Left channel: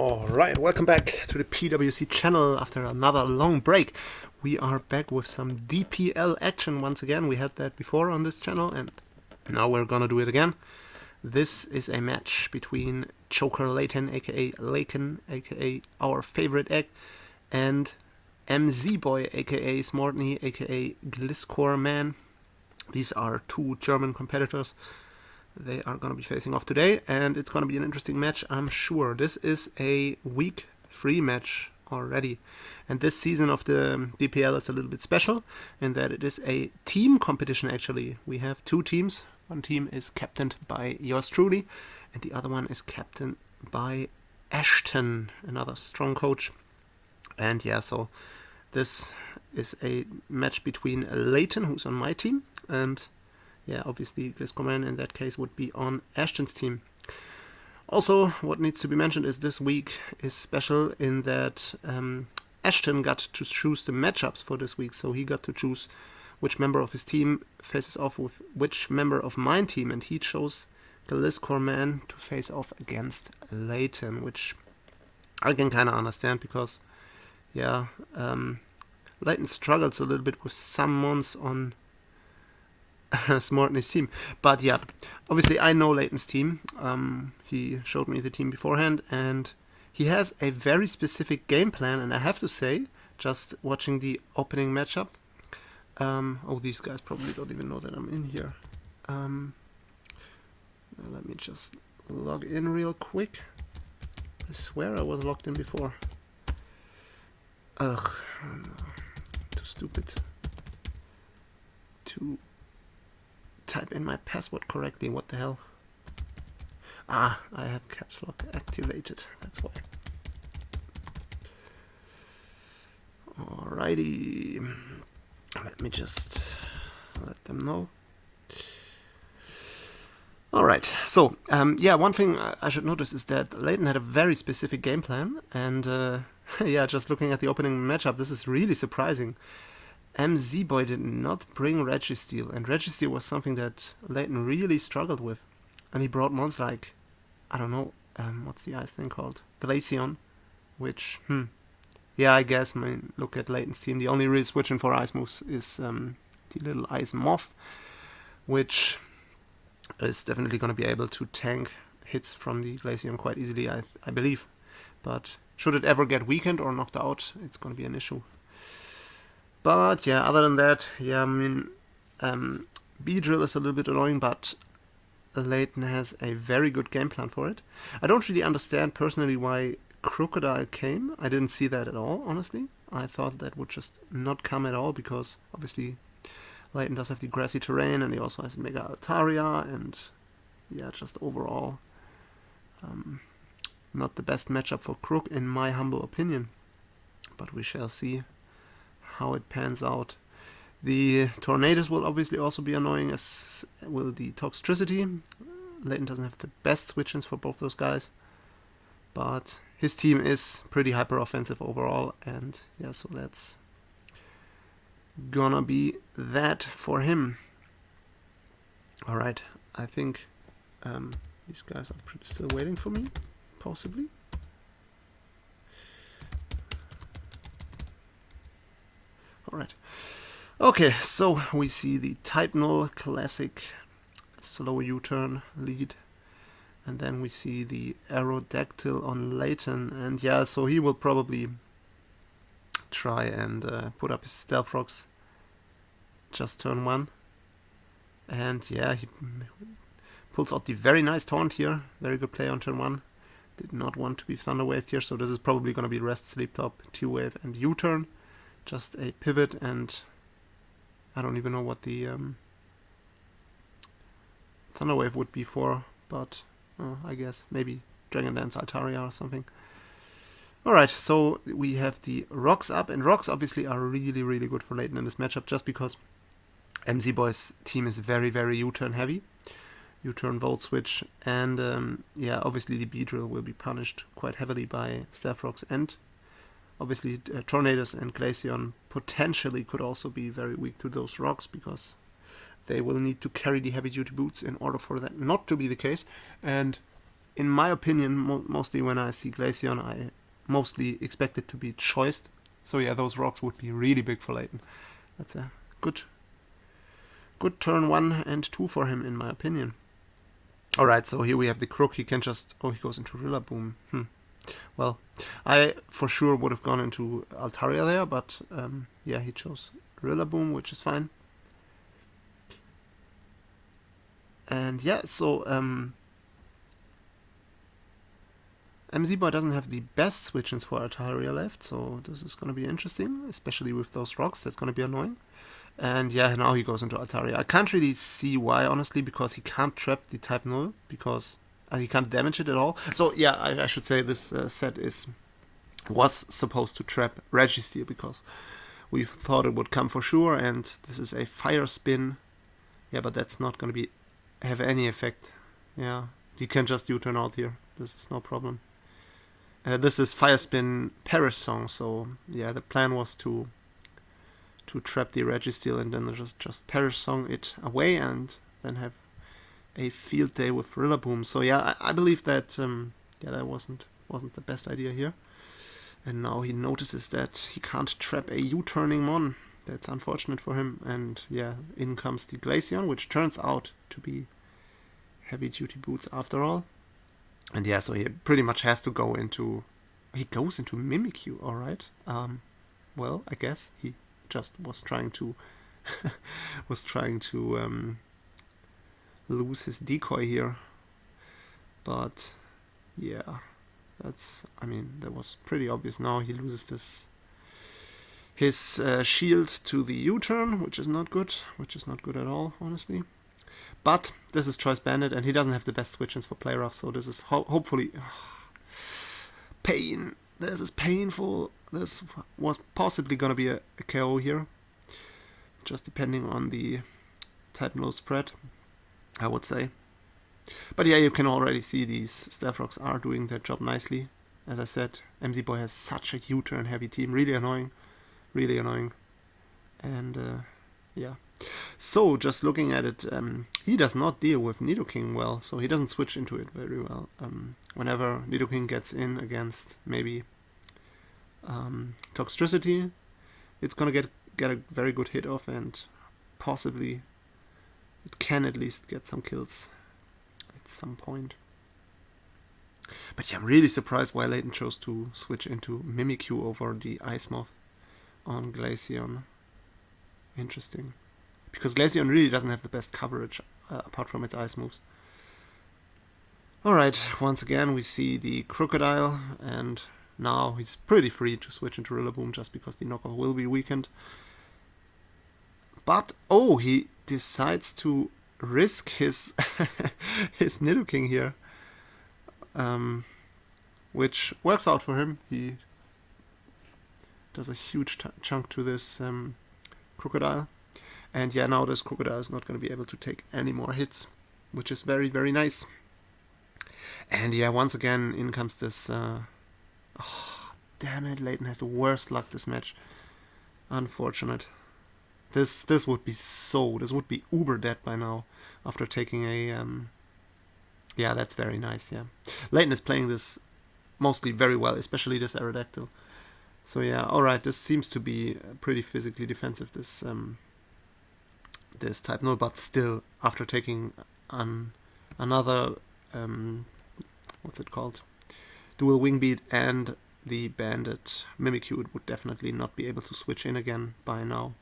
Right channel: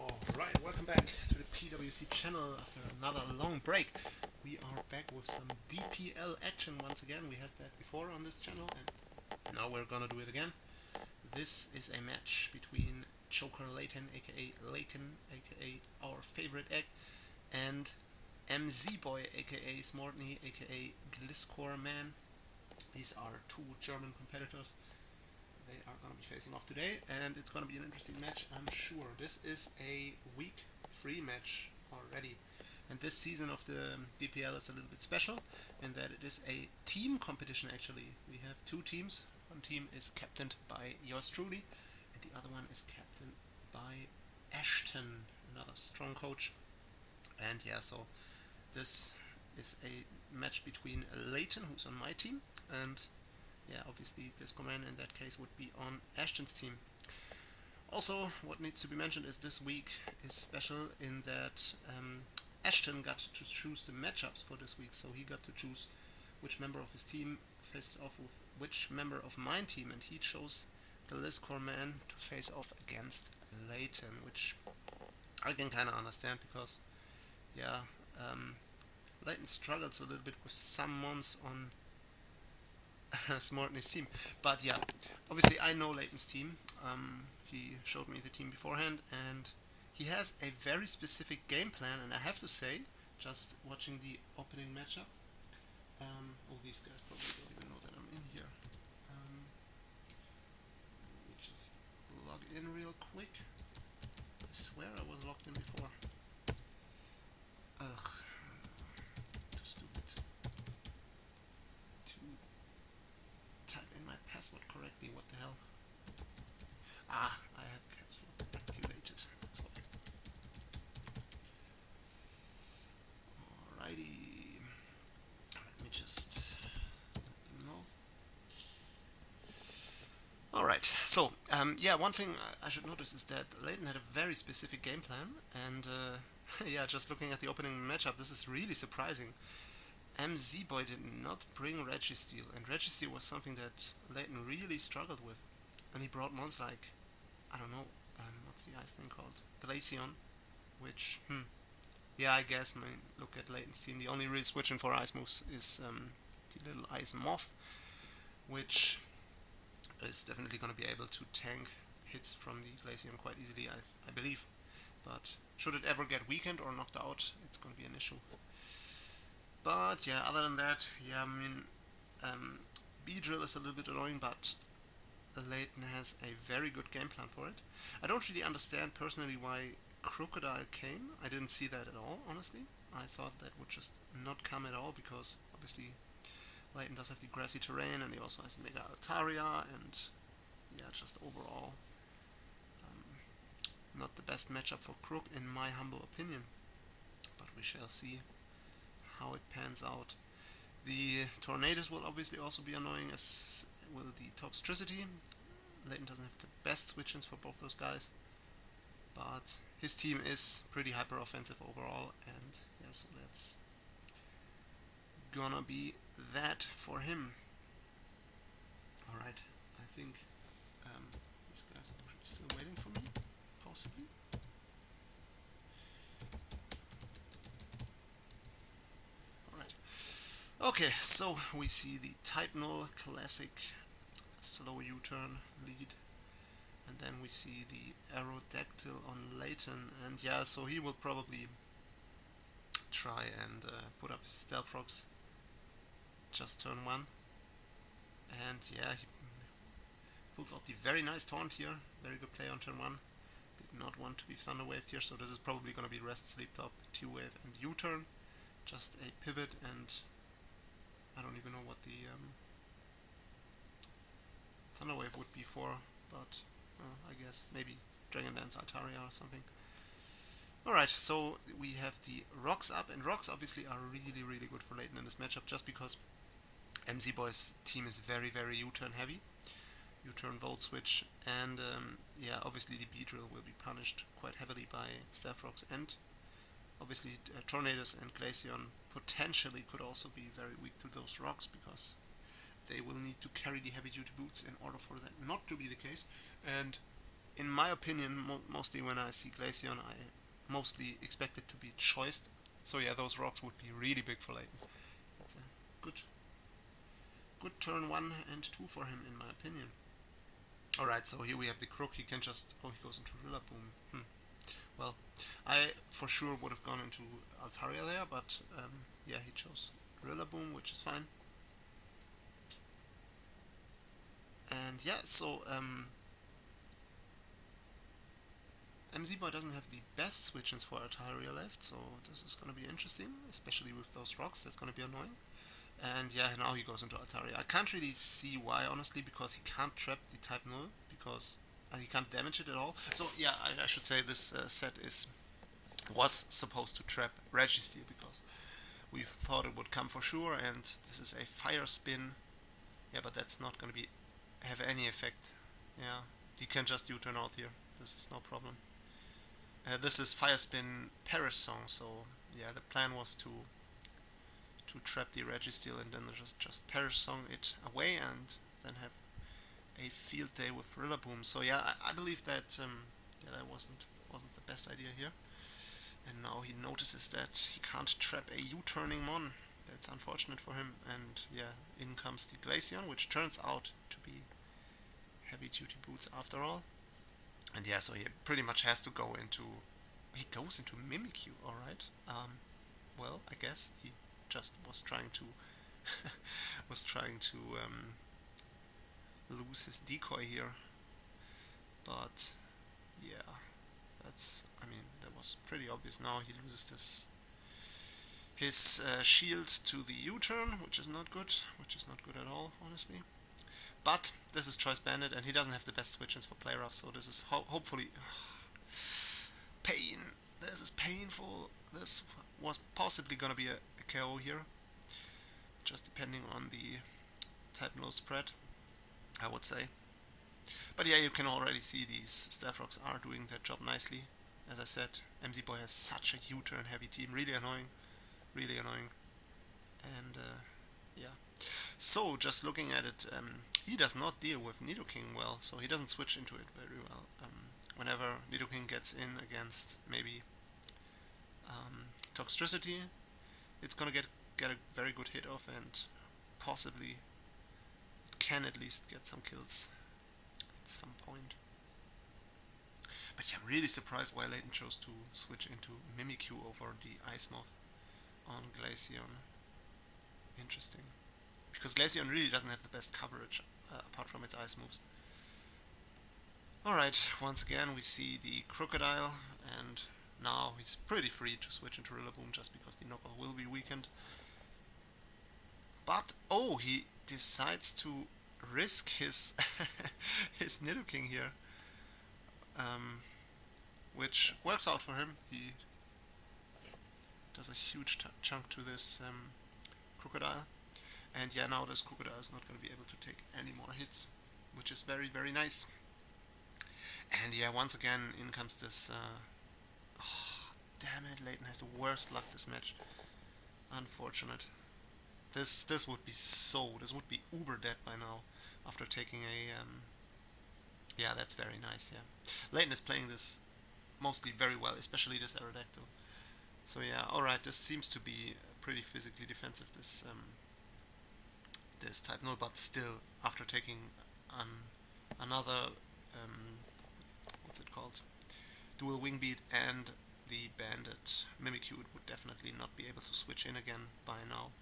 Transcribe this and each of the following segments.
Alright, welcome back to the PWC channel after another long break. We are back with some DPL action once again. We had that before on this channel and now we're gonna do it again. This is a match between Joker Layton, aka Layton, aka our favorite egg, and MZ Boy, aka Smortny, aka Gliscor Man. These are two German competitors. They are going to be facing off today, and it's going to be an interesting match, I'm sure. This is a week 3 match already, and this season of the DPL is a little bit special in that it is a team competition actually. We have two teams. One team is captained by yours truly, and the other one is captained by Ashton, another strong coach. And yeah, so this is a match between Layton, who's on my team, and yeah, obviously Gliscor in that case would be on Ashton's team. Also, what needs to be mentioned is this week is special in that Ashton got to choose the matchups for this week, so he got to choose which member of his team faces off with which member of my team, and he chose Gliscor to face off against Layton, which I can kind of understand because, yeah, Layton struggles a little bit with summons on Smortny's team. But yeah, obviously I know Layton's team. He showed me the team beforehand, and he has a very specific game plan, and I have to say, just watching the opening matchup, oh, these guys probably don't even know that I'm in here. Let me just log in real quick. I swear I was logged in before. Ugh, too stupid to type in my password correctly. What the hell? Ah, I have caps lock activated. That's why. Alrighty. Let me just let them know. Alright, so, yeah, one thing I should notice is that Layton had a very specific game plan, and yeah, just looking at the opening matchup, this is really surprising. MZ Boy did not bring Registeel, and Registeel was something that Layton really struggled with. And he brought mons like, I don't know, what's the ice thing called? Glaceon, which, yeah, I guess, I mean, look at Layton's team. The only real switching for ice moves is the little ice moth, which is definitely going to be able to tank hits from the Glaceon quite easily, I believe. But should it ever get weakened or knocked out, it's going to be an issue. But yeah, other than that, yeah, I mean, B-Drill is a little bit annoying, but Layton has a very good game plan for it. I don't really understand personally why Crocodile came. I didn't see that at all, honestly. I thought that would just not come at all because obviously Layton does have the grassy terrain and he also has Mega Altaria, and yeah, just overall not the best matchup for Crook in my humble opinion. But we shall see how it pans out. The Tornadoes will obviously also be annoying, as will the Toxtricity. Layton doesn't have the best switch-ins for both those guys, but his team is pretty hyper offensive overall, and yeah, so that's gonna be that for him. Alright, I think these guys are still waiting for me, possibly. Alright. Okay, so we see the Titanal classic slow U-turn lead, and then we see the Aerodactyl on Layton, and yeah, so he will probably try and put up his Stealth Rocks just turn 1, and yeah, he pulls out the very nice taunt here, very good play on turn 1, did not want to be Thunder Waved here, so this is probably going to be Rest, Sleep Top, T-Wave and U-turn, just a pivot, and I don't even know what the Thunder Wave would be for, but I guess maybe Dragon Dance Altaria or something. Alright, so we have the Rocks up, and Rocks obviously are really, really good for Layton in this matchup, just because MZ Boy's team is very, very U-turn heavy. U-turn Volt Switch, and yeah, obviously the B-Drill will be punished quite heavily by Stealth Rocks, and obviously Tornadoes and Glaceon potentially could also be very weak to those rocks because they will need to carry the heavy duty boots in order for that not to be the case. And in my opinion, mostly when I see Glaceon, I mostly expect it to be choiced. So yeah, those rocks would be really big for Layton. That's a good turn 1 and 2 for him, in my opinion. Alright, so here we have the Crook. He can just... Oh, he goes into Rillaboom. Well, I for sure would have gone into Altaria there, but yeah, he chose Rillaboom, which is fine. And yeah, so MZ-Boy doesn't have the best switch-ins for Altaria left, so this is going to be interesting, especially with those rocks. That's going to be annoying. And yeah, now he goes into Altaria. I can't really see why, honestly, because he can't trap the type null, because he can't damage it at all. So yeah, I should say this set was supposed to trap Registeel, because we thought it would come for sure, and this is a fire spin. Yeah, but that's not going to have any effect. Yeah, you can just U-turn out here. This is no problem. This is Fire Spin Perish Song, so yeah, the plan was to trap the Registeel and then just Perish Song it away and then have a field day with Rillaboom. So yeah, I believe that yeah, that wasn't the best idea here. And now he notices that he can't trap a U-turning Mon. That's unfortunate for him. And yeah, in comes the Glaceon, which turns out to be heavy duty boots after all. And yeah, so he pretty much has to go into... He goes into Mimikyu, alright. Well, I guess he just was trying to... lose his decoy here. But yeah, that's... I mean, that was pretty obvious. Now he loses his shield to the U-turn, which is not good. Which is not good at all, honestly. But this is Choice Bandit, and he doesn't have the best switch-ins for play rough, so this is hopefully... pain. This is painful. This was possibly going to be a KO here. Just depending on the type no spread, I would say. But yeah, you can already see these Staff Rocks are doing their job nicely. As I said, MZ-Boy has such a U-turn heavy team. Really annoying. Really annoying. And yeah. So, just looking at it, he does not deal with Nidoking well, so he doesn't switch into it very well. Whenever Nidoking gets in against maybe Toxtricity, it's gonna get a very good hit off, and possibly it can at least get some kills at some point. But yeah, I'm really surprised why Layton chose to switch into Mimikyu over the Ice Moth on Glaceon. Interesting. Because Glaceon really doesn't have the best coverage apart from its ice moves. Alright, once again we see the Crocodile, and now he's pretty free to switch into Rillaboom just because the knockoff will be weakened. But, oh, he decides to risk his his Nidoking here. Which works out for him. He does a huge chunk to this Crocodile. And yeah, now this Crocodile is not going to be able to take any more hits, which is very, very nice. And yeah, once again, in comes this... oh, damn it, Layton has the worst luck this match. Unfortunate. This would be this would be uber dead by now, after taking a... yeah, that's very nice, yeah. Layton is playing this mostly very well, especially this Aerodactyl. So yeah, alright, this seems to be pretty physically defensive, this type null, but still, after taking another, what's it called, dual wing beat and the banded Mimikyu, it would definitely not be able to switch in again by now.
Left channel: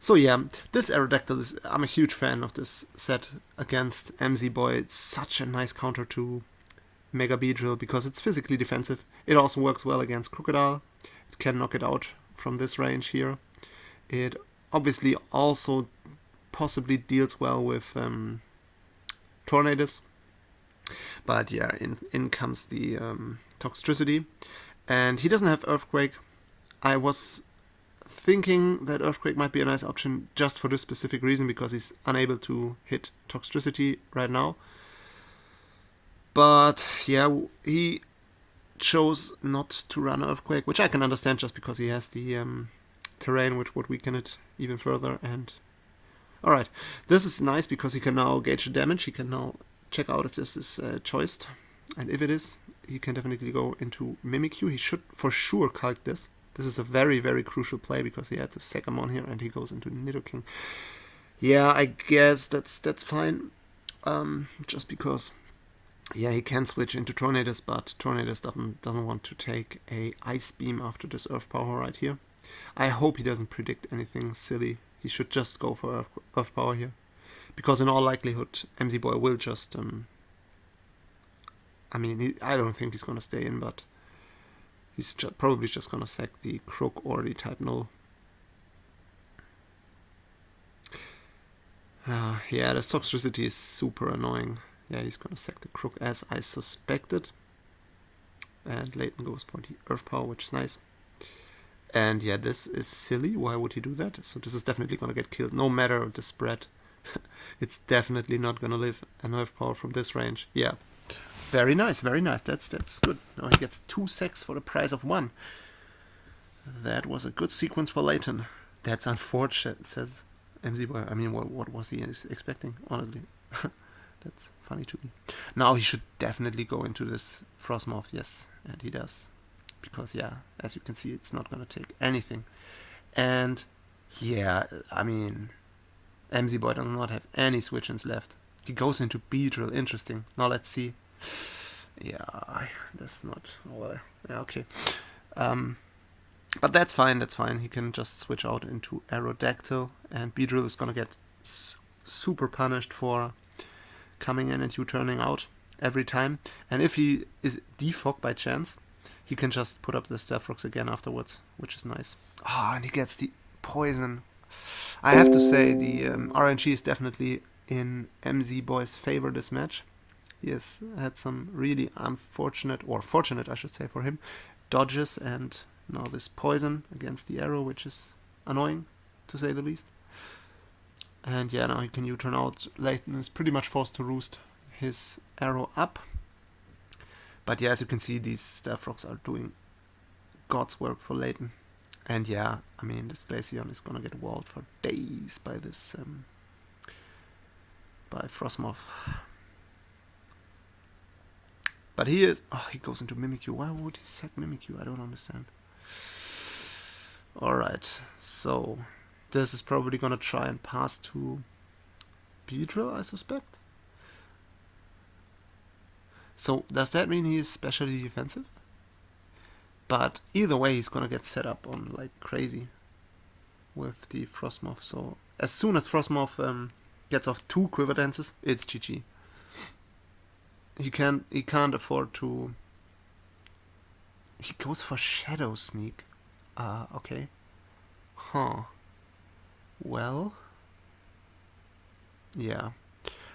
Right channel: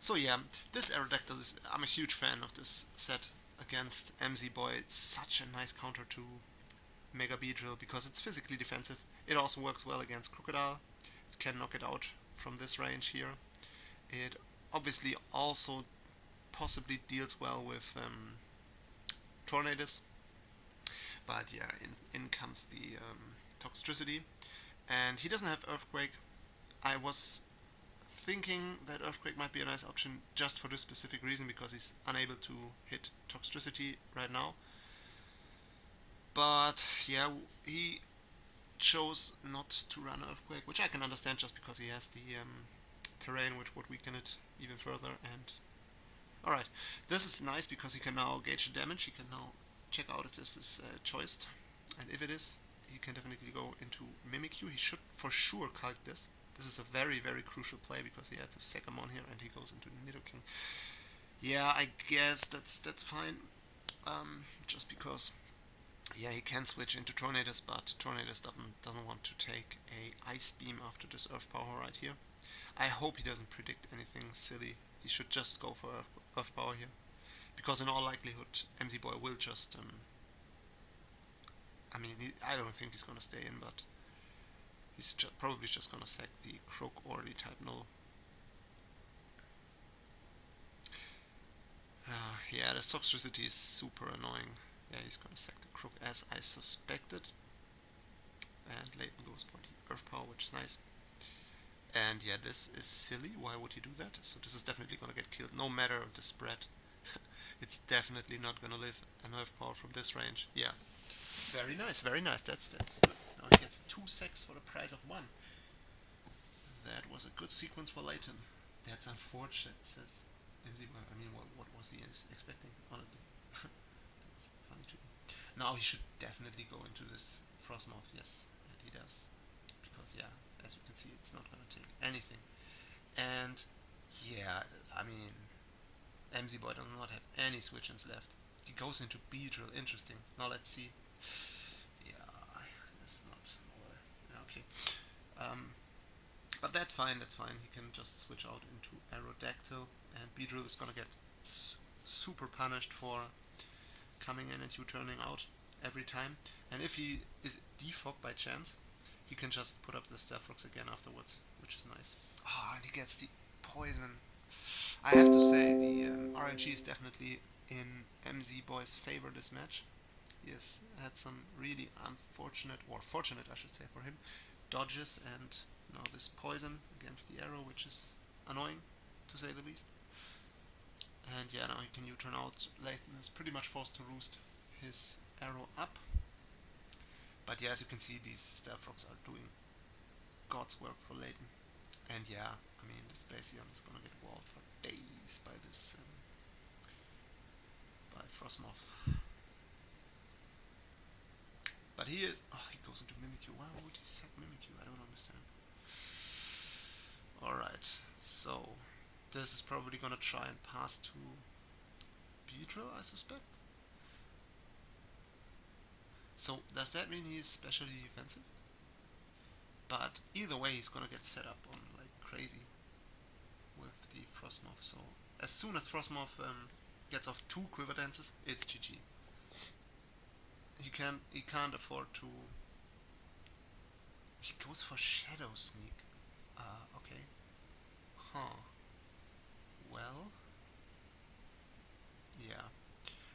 So yeah, this Aerodactyl I'm a huge fan of this set against MZ-Boy. It's such a nice counter to Mega Beedrill because it's physically defensive. It also works well against Crocodile. It can knock it out from this range here. It obviously also possibly deals well with Tornadus. But yeah, in comes the Toxtricity. And he doesn't have Earthquake. I was thinking that Earthquake might be a nice option just for this specific reason, because he's unable to hit Toxtricity right now. But yeah, he chose not to run Earthquake, which I can understand just because he has the terrain which would weaken it even further. And alright, this is nice because he can now gauge the damage. He can now check out if this is choiced, and if it is, he can definitely go into Mimikyu. He should for sure calc this. This is a very, very crucial play because he had to sack him on here, and he goes into Nidoking. Yeah, I guess that's fine. Just because, yeah, he can switch into Tornadus, but Tornadus doesn't want to take a Ice Beam after this Earth Power right here. I hope he doesn't predict anything silly. He should just go for Earth Power here, because in all likelihood, MZ Boy will just. I mean, I don't think he's gonna stay in, but he's probably just gonna sack the Croak or the Type Null. Yeah, the Toxtricity is super annoying. Yeah, he's gonna sack the Croak as I suspected. And Layton goes for the Earth Power, which is nice. And yeah, this is silly. Why would he do that? So this is definitely gonna get killed, no matter the spread. It's definitely not gonna live an Earth Power from this range. Yeah, very nice, very nice. That's good. Now he gets 2 sacks for the price of 1. That was a good sequence for Layton. That's unfortunate, says MZ Boy. I mean, what was he expecting, honestly? That's funny to me. Now he should definitely go into this Frostmoth, yes, and he does. Because, yeah, as you can see, it's not going to take anything. And, yeah, I mean, MZ Boy does not have any switch-ins left. He goes into Beedrill, interesting. Now let's see. Yeah, that's not... Well, yeah, okay. But that's fine, that's fine. He can just switch out into Aerodactyl, and Beedrill is gonna get super punished for coming in and U-turning out every time. And if he is defogged by chance, he can just put up the Stealth Rocks again afterwards, which is nice. Ah, and he gets the poison. I have to say, the RNG is definitely in MZ Boy's favor this match. He has had some really unfortunate, or fortunate I should say for him, dodges, and now this poison against the arrow, which is annoying, to say the least. And yeah, now he can U-turn out. Layton is pretty much forced to roost his arrow up. But yeah, as you can see, these Stealth Rocks are doing God's work for Layton. And yeah, I mean, this Glaceon is gonna get walled for days by this, by Frostmoth. But he is... Oh, he goes into Mimikyu. Why would he sack Mimikyu? I don't understand. Alright, so this is probably gonna try and pass to Beedrill, I suspect. So does that mean he is specially defensive? But either way, he's gonna get set up on like crazy with the Frostmoth. So as soon as Frostmoth gets off 2 Quiver Dances, it's GG. He can't afford to... He goes for Shadow Sneak. Okay. Huh. Well. Yeah.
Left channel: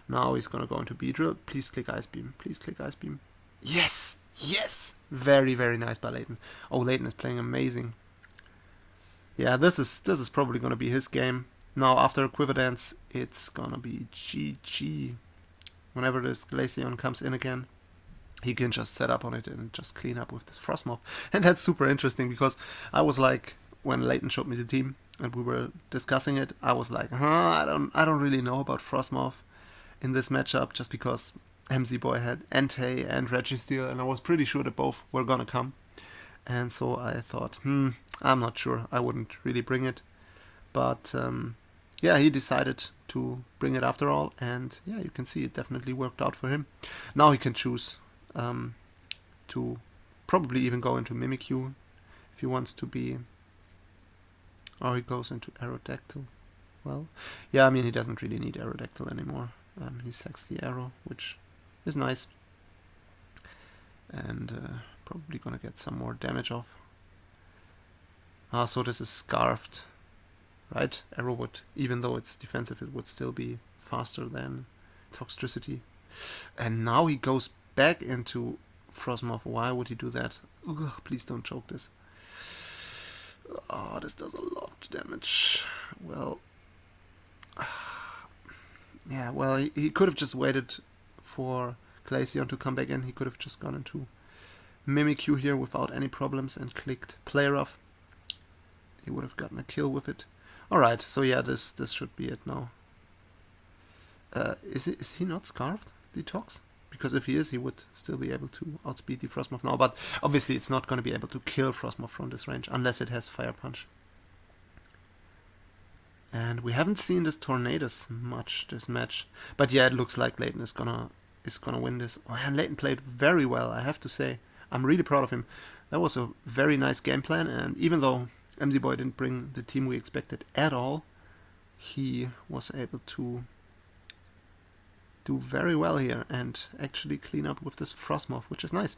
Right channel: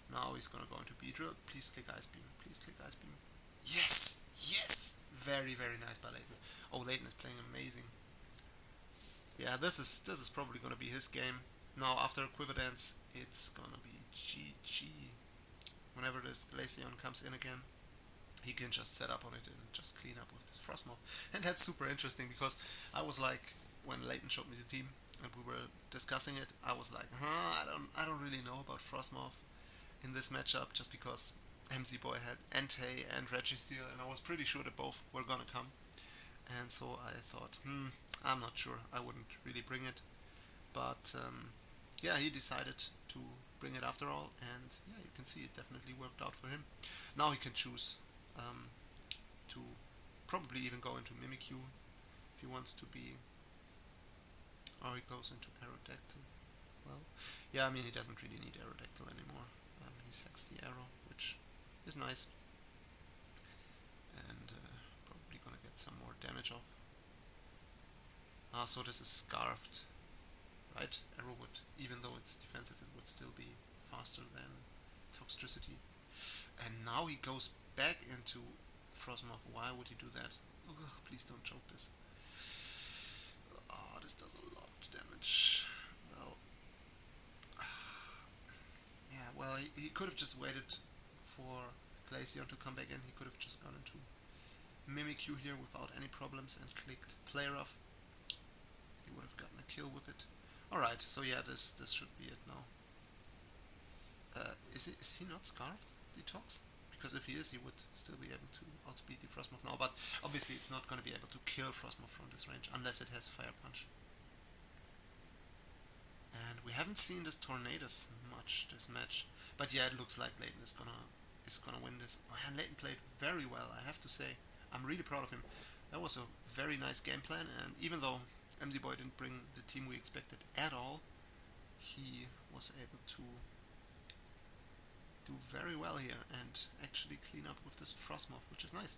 Now he's gonna go into Beedrill. Please click Ice Beam. Please click Ice Beam. Yes! Yes! Very, very nice by Layton. Oh, Layton is playing amazing. Yeah, this is probably gonna be his game. Now after a Quiver Dance, it's gonna be GG. Whenever this Glaceon comes in again, he can just set up on it and just clean up with this Frostmoth. And that's super interesting because I was like, when Layton showed me the team and we were discussing it, I was like, I don't really know about Frostmoth in this matchup, just because MZ Boy had Entei and Registeel, and I was pretty sure that both were gonna come. And so I thought, I'm not sure, I wouldn't really bring it. But yeah, he decided to bring it after all, and yeah, you can see it definitely worked out for him. Now he can choose to probably even go into Mimikyu if he wants to be, or he goes into Aerodactyl. Well, yeah, I mean, he doesn't really need Aerodactyl anymore. He sacks the arrow, which is nice, and probably gonna get some more damage off. So this is Scarfed, right? Arrow would, even though it's defensive, it would still be faster than Toxtricity. And now he goes back into Frostmoth. Why would he do that? Ugh, please don't choke this. Oh, this does a lot of damage. Well, yeah, well, he could have just waited for Glaceon to come back in. He could have just gone into Mimikyu here without any problems and clicked Play Rough. He would have gotten a kill with it. Alright, so yeah, this should be it now. Is he not Scarfed? detox? Because if he is, he would still be able to outspeed the Frostmoth now. But obviously it's not going to be able to kill Frostmoth from this range unless it has Fire Punch. And we haven't seen this Tornadus much this match. But yeah, it looks like Layton is gonna win this. Oh, and Layton played very well, I have to say. I'm really proud of him. That was a very nice game plan, and even though MZ Boy didn't bring the team we expected at all, he was able to do very well here and actually clean up with this Frostmoth, which is nice.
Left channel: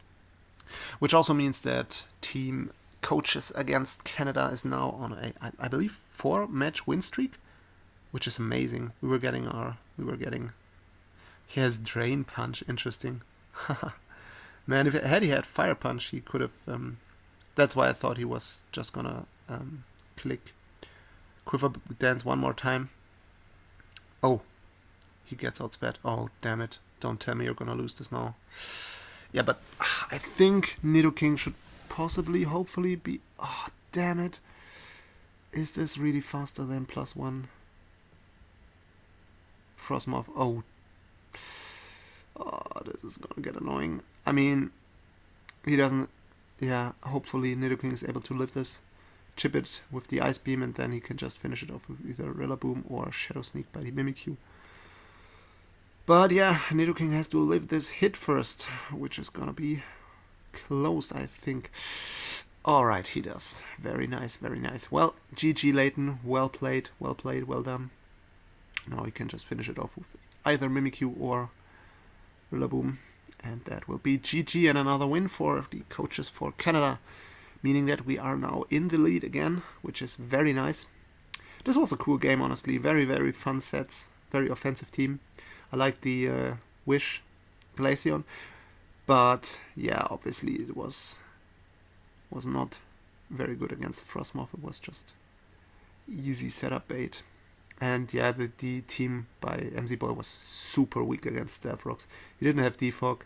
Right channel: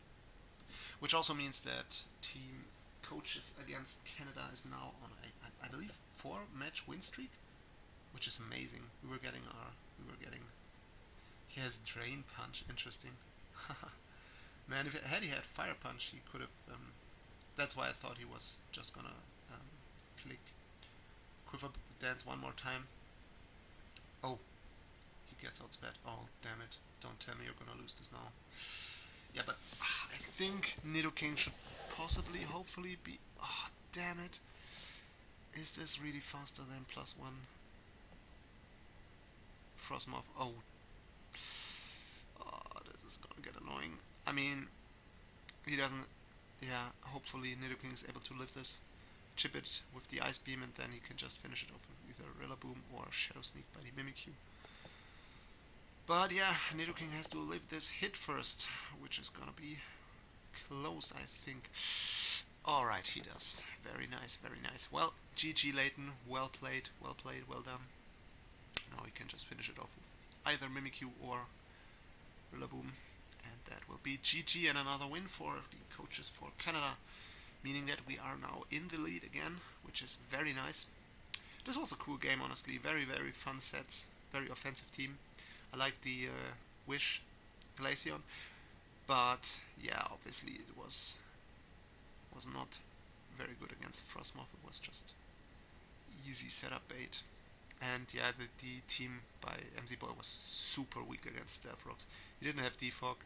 Which also means that Team Coaches against Canada is now on I believe 4-match win streak, which is amazing. He has Drain Punch, interesting. Man, if he had Fire Punch, he could have. That's why I thought he was just gonna click Quiver Dance one more time. Oh, he gets outsped. Oh, damn it. Don't tell me you're gonna lose this now. Yeah, but I think Nidoking should possibly, hopefully be... Oh, damn it. Is this really faster than +1? Frostmoth. Oh, this is gonna get annoying. I mean, he doesn't... Yeah, hopefully Nidoking is able to live this. Chip it with the Ice Beam, and then he can just finish it off with either Rillaboom or Shadow Sneak by the Mimikyu. But yeah, Nidoking has to live this hit first, which is gonna be close, I think. Alright, he does. Very nice, very nice. Well, GG Layton, well played, well done. Now he can just finish it off with either Mimikyu or Rillaboom. And that will be GG and another win for the Coaches for Canada. Meaning that we are now in the lead again, which is very nice. This was a cool game, honestly. Very, very fun sets. Very offensive team. I like the Wish Glaceon. But yeah, obviously it was not very good against Frostmoth. It was just easy setup bait. And yeah, the team by MZ Boy was super weak against Stealth He didn't have Defog.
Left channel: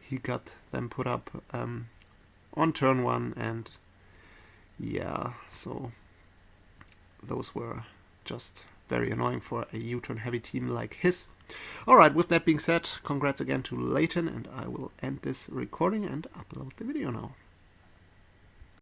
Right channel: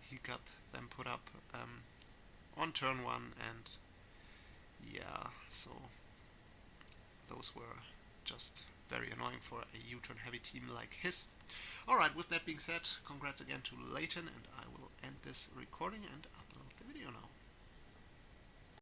He got them put up on turn 1, and yeah, so those were just very annoying for a U-turn heavy team like his. Alright, with that being said, congrats again to Layton, and I will end this recording and upload the video now.